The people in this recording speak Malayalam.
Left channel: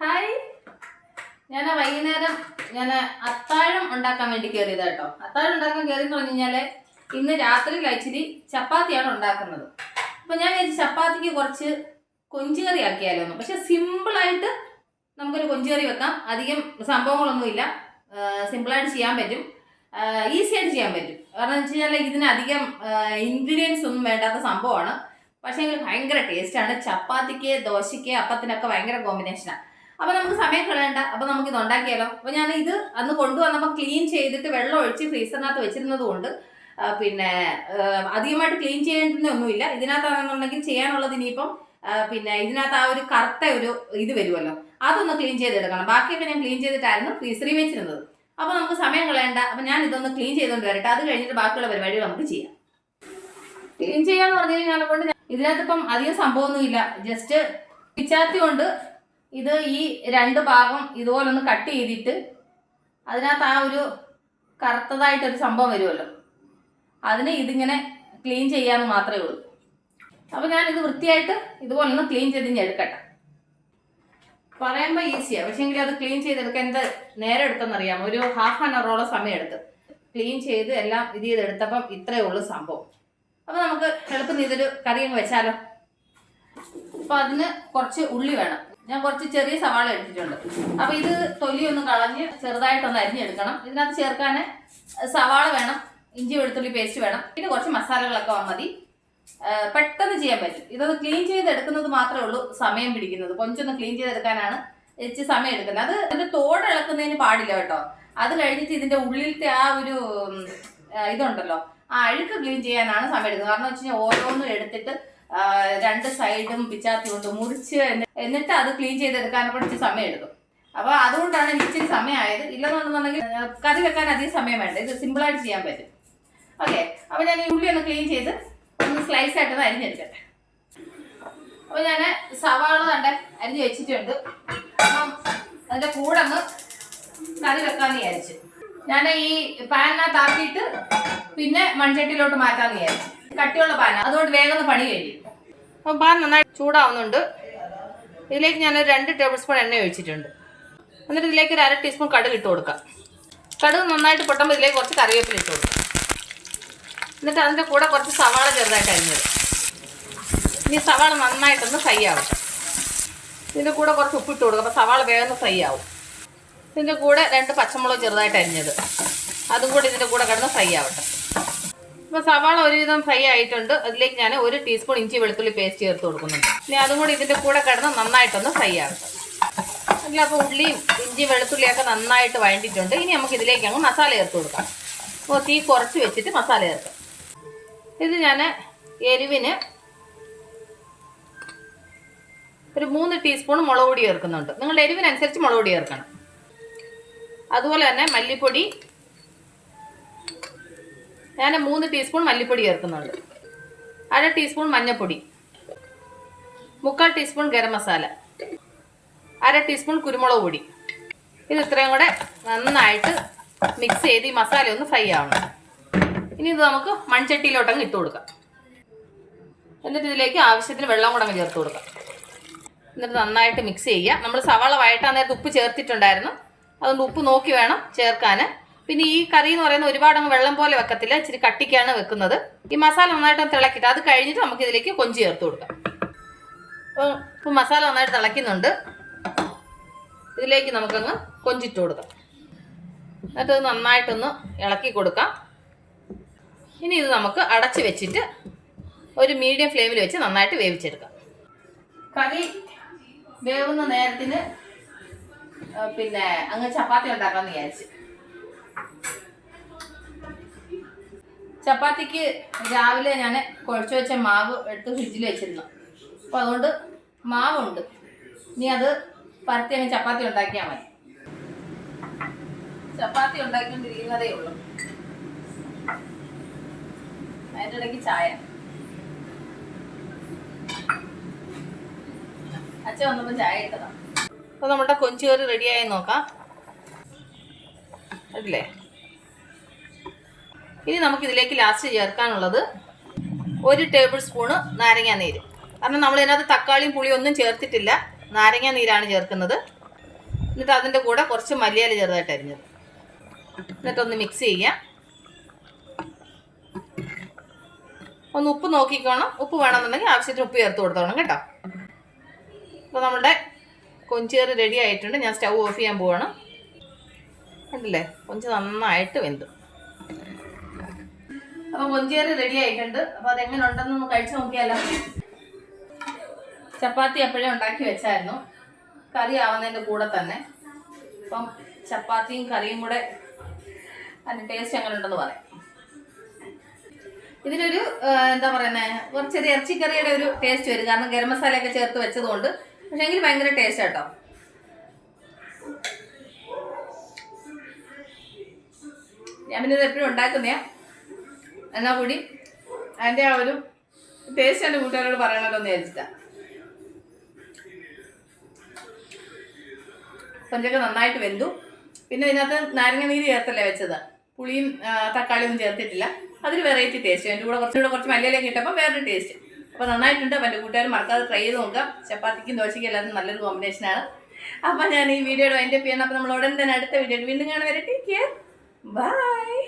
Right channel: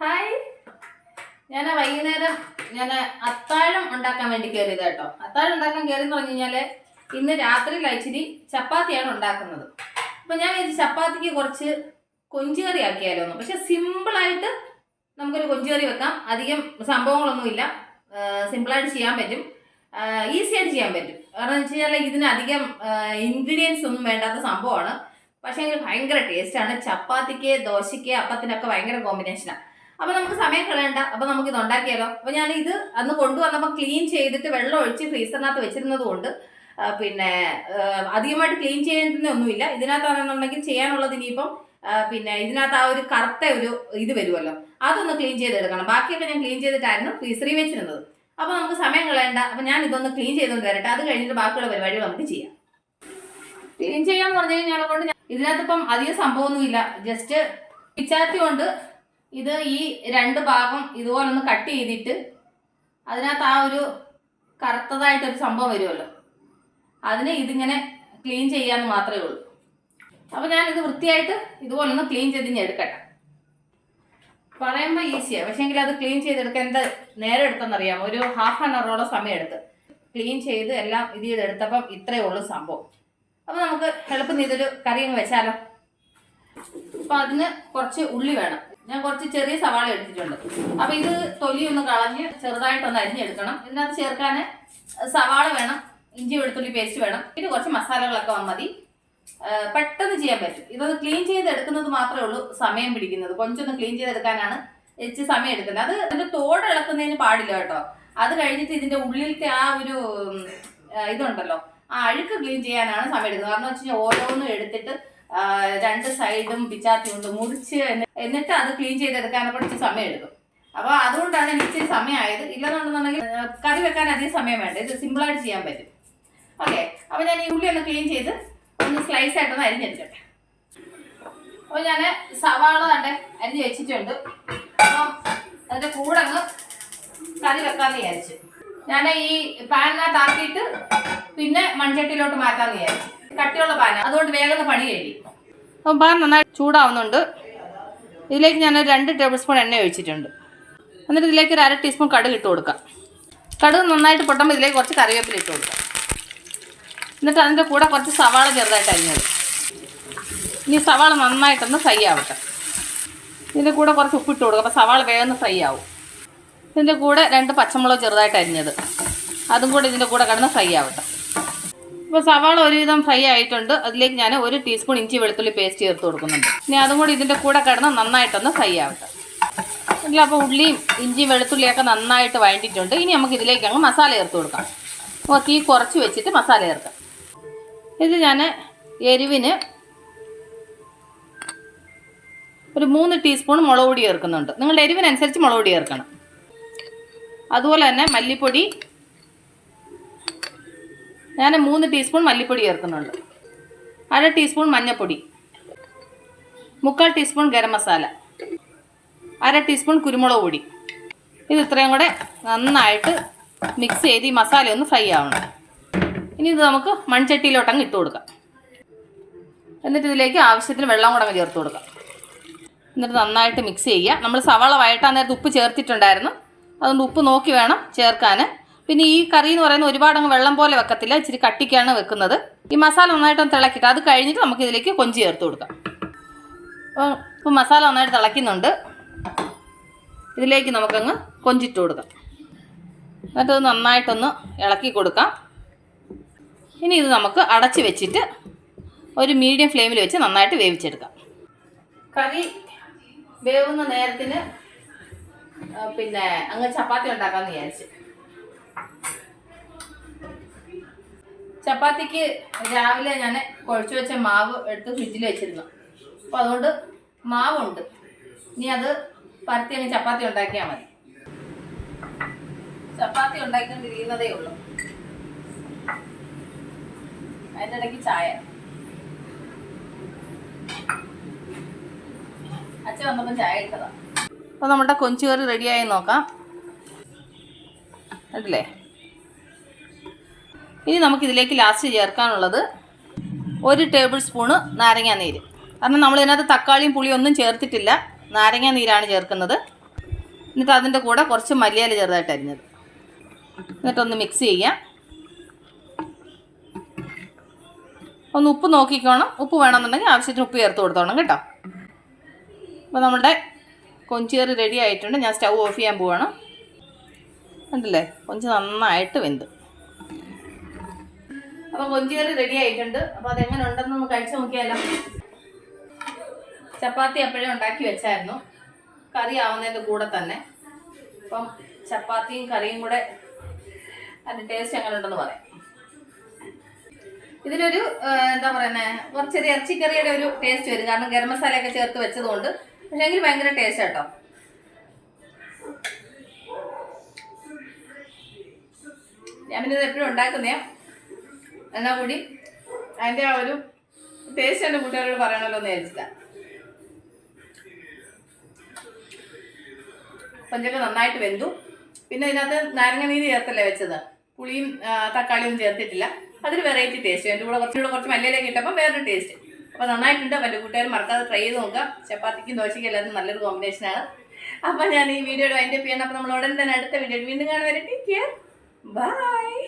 ഹായ്. ഞാൻ വൈകുന്നേരം ഞാൻ അത്താഴം ഉണ്ടാക്കാൻ വേണ്ടി കയറിയത് കേട്ടോ. അത്താഴം ഉണ്ടാക്കാൻ കയറിയെന്ന് പറഞ്ഞു കഴിഞ്ഞാൽ ഇന്ന് രാത്രി കഴിച്ചിരി ചപ്പാത്തിയാണ് ഉണ്ടാക്കുന്നത്. അപ്പം ഞാൻ വിചാരിച്ചു ചപ്പാത്തിക്ക് കുറച്ച് കൊഞ്ചുകറി ആക്കിയാലോ എന്ന് പക്ഷെ സിമ്പിളായിട്ട് നമുക്കൊരു കൊഞ്ചുകറി വെക്കാം. അധികം സംഭവങ്ങളൊന്നുമില്ല സിമ്പിളായിട്ട് ചെയ്യാൻ പറ്റും. ഈസി ആയിട്ട് ചെയ്യാൻ പറ്റും. കാരണം വെച്ച് കഴിഞ്ഞാൽ ഇതിന് അധികം ഇൻഗ്രീഡിയൻസ് ഒന്നും വേണ്ടാത്ത സംഭവമാണ്. പക്ഷേ ഭയങ്കര ടേസ്റ്റാണ് ചപ്പാത്തിക്ക് ദോശയ്ക്ക് അപ്പത്തിനൊക്കെ ഭയങ്കര കോമ്പിനേഷനാണ് അപ്പോൾ നമുക്ക് സമയം കളയണ്ട. അപ്പൊ നമുക്ക് ഇത് ഉണ്ടാക്കിയാലോ? അപ്പൊ ഞാൻ ഇത് അന്ന് കൊണ്ടുവന്നപ്പോൾ ക്ലീൻ ചെയ്തിട്ട് വെള്ളം ഒഴിച്ച് ഫ്രീസറിനകത്ത് വെച്ചിരുന്നത് കൊണ്ട് പിന്നെ അധികമായിട്ട് ക്ലീൻ ചെയ്യേണ്ടതൊന്നുമില്ല ഇതിനകത്താണെന്നുണ്ടെങ്കിൽ ചെയ്യാനുള്ളത് ഇനിയിപ്പം പിന്നെ ഇതിനകത്ത് ആ ഒരു കറുത്ത ഒരു ഇത് വരുമല്ലോ. അതൊന്ന് ക്ലീൻ ചെയ്തെടുക്കണം. ബാക്കിയൊക്കെ ഞാൻ ക്ലീൻ ചെയ്തിട്ടായിരുന്നു ഫ്രീസറി വെച്ചിരുന്നത്. അപ്പോൾ നമുക്ക് സമയം കളയണ്ട. അപ്പോൾ ഞാൻ ഇതൊന്ന് ക്ലീൻ ചെയ്തുകൊണ്ട് വരട്ടെ. അത് കഴിഞ്ഞിട്ട് ബാക്കിയുള്ള പരിപാടികൾ നമുക്ക് ചെയ്യാം. ക്ലീൻ ചെയ്യാന്ന് പറഞ്ഞു കഴിഞ്ഞാൽ കൊണ്ട് ഞാൻ- ഇതിനകത്ത് ഇപ്പം അധികം സംഭവമൊന്നുമില്ല. ജസ്റ്റ് പിച്ചാത്തി കൊണ്ട് ഇത് ഈ രണ്ട് ഭാഗം ഇതുപോലെ ഒന്ന് കട്ട് ചെയ്തിട്ട് അതിനകത്ത് ആ ഒരു കറുത്തതായിട്ടൊരു സംഭവം വരുമല്ലോ. അതിന് ഇതിങ്ങനെ ക്ലീൻ ചെയ്യാൻ മാത്രമേ ഉള്ളൂ. അപ്പോൾ ഞാൻ ഇത് വൃത്തിയായിട്ട് ഇതുപോലെ ഒന്ന് ക്ലീൻ ചെയ്ത് ഞാൻ എടുക്കട്ടെ. പറയുമ്പോൾ ഈസിയാണ് പക്ഷേങ്കിൽ അത് ക്ലീൻ ചെയ്തെടുക്കാൻ എന്താ നേരെ എടുത്തെന്നറിയാം ഒരു ഹാഫ് ആൻ അവറോളം സമയം എടുത്ത് ക്ലീൻ ചെയ്ത് എല്ലാം ഇത് ചെയ്തെടുത്തപ്പം ഇത്രയേ ഉള്ളൂ സംഭവം. അപ്പോൾ നമുക്ക് എളുപ്പം ഇതൊരു കറി അങ്ങ് വെച്ചാലോ? അപ്പോൾ അതിന് കുറച്ച് ഉള്ളി വേണം. ഞാൻ കുറച്ച് ചെറിയ സവാള എടുത്തിട്ടുണ്ട്. അപ്പൊ ഇത് തൊലി ഒന്ന് കളഞ്ഞ് ചെറുതായിട്ടൊന്ന് അരിഞ്ഞെടുക്കണം. ഇതിനകത്ത് ചേർക്കാൻ സവാള വേണം ഇഞ്ചി വെളുത്തുള്ളി പേസ്റ്റ് വേണം. പിന്നെ കുറച്ച് മസാലകളൊക്കെ മതി. പെട്ടെന്ന് ചെയ്യാൻ പറ്റും. ഇതൊന്ന് ക്ലീൻ ചെയ്തെടുക്കുന്നത് മാത്രമേ ഉള്ളൂ സമയം പിടിക്കുന്നത്. കൊഞ്ചൊന്ന് ക്ലീൻ ചെയ്തെടുക്കാനാണ് എച്ച് സമയം എടുക്കുന്നത്. അത് അതിന്റെ തോട് ഇളക്കുന്നതിന് പാടില്ല കേട്ടോ. അത് കഴിഞ്ഞിട്ട് ഇതിന്റെ ഉള്ളിലത്തെ ആ ഒരു ഇതുണ്ടല്ലോ. ആ അഴുക്ക് ക്ലീൻ ചെയ്യാനാണ് സമയം എടുക്കുന്നത്. കാരണം വെച്ച് കഴിഞ്ഞാൽ ഓരോന്നും എടുത്തിട്ട് രണ്ട് സൈഡും പിച്ചാത്തി കൊണ്ട് മുറിച്ച് എന്നിട്ട് അത് ക്ലീൻ ചെയ്തെടുക്കാൻ കുറച്ച് സമയം എടുക്കും അപ്പോൾ അതുകൊണ്ടാണ് എനിക്ക് ഇച്ചിരി സമയമായത്. ഇല്ലെന്നുണ്ടെന്നുണ്ടെങ്കിൽ കറി വെക്കാൻ അധികം സമയം വേണ്ട. ഇത് സിമ്പിളായിട്ട് ചെയ്യാൻ പറ്റും. ഓക്കെ അപ്പോൾ ഞാൻ ഈ ഉള്ളി ഒന്ന് ക്ലീൻ ചെയ്ത് ഒന്ന് സ്ലൈസ് ആയിട്ടൊന്ന് അരിഞ്ഞെടുക്കട്ടെ. അപ്പോൾ ഞാൻ സവാള കണ്ട അരിഞ്ഞ് വെച്ചിട്ടുണ്ട്. അപ്പം അതിന്റെ കൂടെ അങ്ങ് കറി വെക്കാമെന്ന് വിചാരിച്ചു. ഞാൻ ഈ പാനിനകത്ത് ആക്കിയിട്ട് പിന്നെ മൺചട്ടിയിലോട്ട് മാറ്റാമെന്ന് വിചാരിച്ചു. കട്ടിയുള്ള പാന. അതുകൊണ്ട് വേഗം പണി കഴിയും അപ്പം പാൻ നന്നായി ചൂടാവുന്നുണ്ട്. ഇതിലേക്ക് ഞാൻ രണ്ട് ടേബിൾ സ്പൂൺ എണ്ണ ഒഴിച്ചിട്ടുണ്ട്. എന്നിട്ട് ഇതിലേക്ക് ഒരു അര ടീസ്പൂൺ കടുക് ഇട്ട് കൊടുക്കാം. കടുക് നന്നായിട്ട് പൊട്ടുമ്പോൾ ഇതിലേക്ക് കുറച്ച് കറിവേപ്പില ഇട്ട് കൊടുക്കാം. എന്നിട്ട് അതിന്റെ കൂടെ കുറച്ച് സവാള ചെറുതായിട്ട് അരിഞ്ഞത് ഇനി സവാള നന്നായിട്ടൊന്ന് ഫ്രൈ ആവട്ടെ. ഇതിന്റെ കൂടെ കുറച്ച് ഉപ്പിട്ട് കൊടുക്കുക അപ്പോൾ സവാള വേഗം ഫ്രൈ ആവും. ഇതിന്റെ കൂടെ രണ്ട് പച്ചമുളക് ചെറുതായിട്ട് അരിഞ്ഞത്. അതും കൂടെ ഇതിന്റെ കൂടെ കിടന്ന് ഫ്രൈ ആവട്ടെ. അപ്പോൾ സവാള ഒരുവിധം ഫ്രൈ ആയിട്ടുണ്ട്. അതിലേക്ക് ഞാൻ ഒരു ടീസ്പൂൺ ഇഞ്ചി വെളുത്തുള്ളി പേസ്റ്റ് ചേർത്ത് കൊടുക്കുന്നുണ്ട്. ഇനി അതും കൂടി ഇതിന്റെ കൂടെ കിടന്ന് നന്നായിട്ടൊന്ന് ഫ്രൈ ആവട്ടെ അല്ല അപ്പോൾ ഉള്ളിയും ഇഞ്ചി വെളുത്തുള്ളിയൊക്കെ നന്നായിട്ട് വഴണ്ടിട്ടുണ്ട് ഇനി നമുക്ക് ഇതിലേക്ക് അങ്ങ് മസാല ചേർത്ത് കൊടുക്കാം. അപ്പോൾ തീ കുറച്ച് വെച്ചിട്ട് മസാല ചേർക്കാം. ഇത് ഞാൻ എരിവിന് ഒരു മൂന്ന് ടീസ്പൂൺ മുളക് പൊടി ചേർക്കുന്നുണ്ട്. നിങ്ങളുടെ എരിവിനനുസരിച്ച് മുളക് പൊടി ചേർക്കണം. അതുപോലെ തന്നെ മല്ലിപ്പൊടി ഞാൻ മൂന്ന് ടീസ്പൂൺ മല്ലിപ്പൊടി ചേർക്കുന്നുണ്ട്. അര ടീസ്പൂൺ മഞ്ഞൾപ്പൊടി മുക്കാൽ ടീസ്പൂൺ ഗരം മസാല. അര ടീസ്പൂൺ കുരുമുളക് പൊടി. ഇത് ഇത്രയും കൂടെ നന്നായിട്ട് മിക്സ് ചെയ്ത് ഈ മസാല ഒന്ന് ഫ്രൈ ആവണം. ഇനി ഇത് നമുക്ക് മൺചട്ടിയിലോട്ടങ്ങ് ഇട്ട് കൊടുക്കാം. എന്നിട്ട് ഇതിലേക്ക് ആവശ്യത്തിന് വെള്ളം കൂടെ അങ്ങ് ചേർത്ത് കൊടുക്കാം. എന്നിട്ട് നന്നായിട്ട് മിക്സ് ചെയ്യുക. നമ്മൾ സവാള വഴട്ടാൻ നേരത്ത് ഉപ്പ് ചേർത്തിട്ടുണ്ടായിരുന്നു. അതുകൊണ്ട് ഉപ്പ് നോക്കി വേണം ചേർക്കാൻ പിന്നെ ഈ കറി എന്ന് പറയുന്നത് ഒരുപാട് അങ്ങ് വെള്ളം പോലെ വെക്കത്തില്ല. ഇച്ചിരി കട്ടിക്കാണ് വെക്കുന്നത്. ഈ മസാല നന്നായിട്ടൊന്ന് തിളക്കിയിട്ട് അത് കഴിഞ്ഞിട്ട് നമുക്ക് ഇതിലേക്ക് കൊഞ്ചി ചേർത്ത് കൊടുക്കാം. അപ്പോൾ മസാല നന്നായിട്ട് തിളയ്ക്കുന്നുണ്ട്. ഇതിലേക്ക് നമുക്കങ്ങ് കൊഞ്ചിട്ട് കൊടുക്കാം. എന്നിട്ട് നന്നായിട്ടൊന്ന് ഇളക്കി കൊടുക്കാം. ഇനി ഇത് നമുക്ക് അടച്ച് വെച്ചിട്ട് ഒരു മീഡിയം ഫ്ലെയിമിൽ വെച്ച് നന്നായിട്ട് വേവിച്ചെടുക്കാം. കറി വേവുന്ന നേരത്തിന് പിന്നെ അങ്ങ് ചപ്പാത്തി ഉണ്ടാക്കാമെന്ന് വിചാരിച്ച്. ചപ്പാത്തിക്ക് രാവിലെ ഞാൻ കുഴച്ച് വെച്ച മാവ് എടുത്ത് ഫ്രിഡ്ജിൽ വെച്ചിരുന്നു. അപ്പോൾ അതുകൊണ്ട് മാവുണ്ട്. ഇനി അത് പരത്തി അങ്ങ് ചപ്പാത്തി ഉണ്ടാക്കിയാൽ മതി. ചപ്പാത്തി ഉണ്ടാക്കിക്കൊണ്ടിരിക്കുന്നതേ ഉള്ളൂ. അതിന്റെ ഇടയ്ക്ക് ചായ. അച്ഛൻ വന്നപ്പോൾ ചായ ഇട്ടതാണ് അപ്പോൾ നമ്മുടെ കൊഞ്ചുകറി റെഡിയായി നോക്കാം. അല്ലേ ഇനി നമുക്ക് ഇതിലേക്ക് ലാസ്റ്റ് ചേർക്കാനുള്ളത് ഒരു ടേബിൾ സ്പൂണ് നാരങ്ങാ നീര്. കാരണം നമ്മൾ ഇതിനകത്ത് തക്കാളിയും പുളിയും ഒന്നും ചേർത്തിട്ടില്ല. നാരങ്ങാ നീരാണ് ചേർക്കുന്നത്. എന്നിട്ട് അതിന്റെ കൂടെ കുറച്ച് മല്ലിയില ചെറുതായിട്ട് അരിഞ്ഞത്. എന്നിട്ടൊന്ന് മിക്സ് ചെയ്യാം. ഒന്ന് ഉപ്പ് നോക്കിക്കോണം. ഉപ്പ് വേണമെന്നുണ്ടെങ്കിൽ ആവശ്യത്തിന് ഉപ്പ് ചേർത്ത് കൊടുത്തോണം കേട്ടോ. അപ്പോൾ നമ്മുടെ കൊഞ്ചേറി റെഡി ആയിട്ടുണ്ട്. ഞാൻ സ്റ്റൗ ഓഫ് ചെയ്യാൻ പോവാണ്. കണ്ടില്ലേ? കൊഞ്ച് നന്നായിട്ട് വെന്ത്. അപ്പോൾ കൊഞ്ചേറി റെഡി ആയിട്ടുണ്ട്. അപ്പോൾ അതെങ്ങനെ ഉണ്ടെന്നൊന്ന് കഴിച്ചു നോക്കിയാലോ. ചപ്പാത്തി അപ്പോഴേ ഉണ്ടാക്കി വെച്ചായിരുന്നു. കറി ആവുന്നതിന്റെ കൂടെ തന്നെ. അപ്പം ചപ്പാത്തിയും കറിയും കൂടെ അതിന്റെ ടേസ്റ്റ് എങ്ങനെ ഉണ്ടെന്ന് പറയാം. ഇതിലൊരു എന്താ പറയുന്നത് കുറച്ചൊരു ഇറച്ചിക്കറിയുടെ ഒരു ടേസ്റ്റ് വരും. കാരണം ഗരം മസാലയൊക്കെ ചേർത്ത് വെച്ചതുകൊണ്ട്. പക്ഷേ എങ്കിൽ ഭയങ്കര ടേസ്റ്റ് കേട്ടോ ഞാൻ പിന്നെ ഇത് എപ്പോഴും ഉണ്ടാക്കുന്നേ. എന്നാ കൂടി? അതിന്റെ ആ ഒരു ടേസ്റ്റ് എന്റെ കൂട്ടുകാരോട് പറയണമല്ലോ എന്ന് വിചാരിച്ചിട്ടാ. പഞ്ചൊക്കെ നന്നായിട്ട് വെന്തു. പിന്നെ ഇതിനകത്ത് നാരങ്ങ നീര് ചേർത്തല്ലേ വെച്ചത്? പുളിയും തക്കാളിയൊന്നും ചേർത്തിട്ടില്ല. അതൊരു വെറൈറ്റി ടേസ്റ്റ് എന്റെ കൂടെ കുറച്ചുകൂടെ കുറച്ച് മല്ലിയിലേക്ക് ഇട്ടപ്പോൾ വേറൊരു ടേസ്റ്റ് അപ്പോൾ നന്നായിട്ടുണ്ട്. എന്റെ കൂട്ടുകാർ മറക്കാതെ ട്രൈ ചെയ്ത് നോക്കാം ചപ്പാത്തിക്കും ദോശയ്ക്കും എല്ലാത്തിനും നല്ലൊരു കോമ്പിനേഷനാണ് അപ്പോൾ ഞാൻ ഈ വീഡിയോയുടെ വൈൻഡപ്പ് ചെയ്യണം അപ്പോൾ നമ്മൾ ഉടൻ തന്നെ അടുത്ത വീഡിയോ വീണ്ടും കാണുവരെ ടേക്ക് കെയർ ബൈ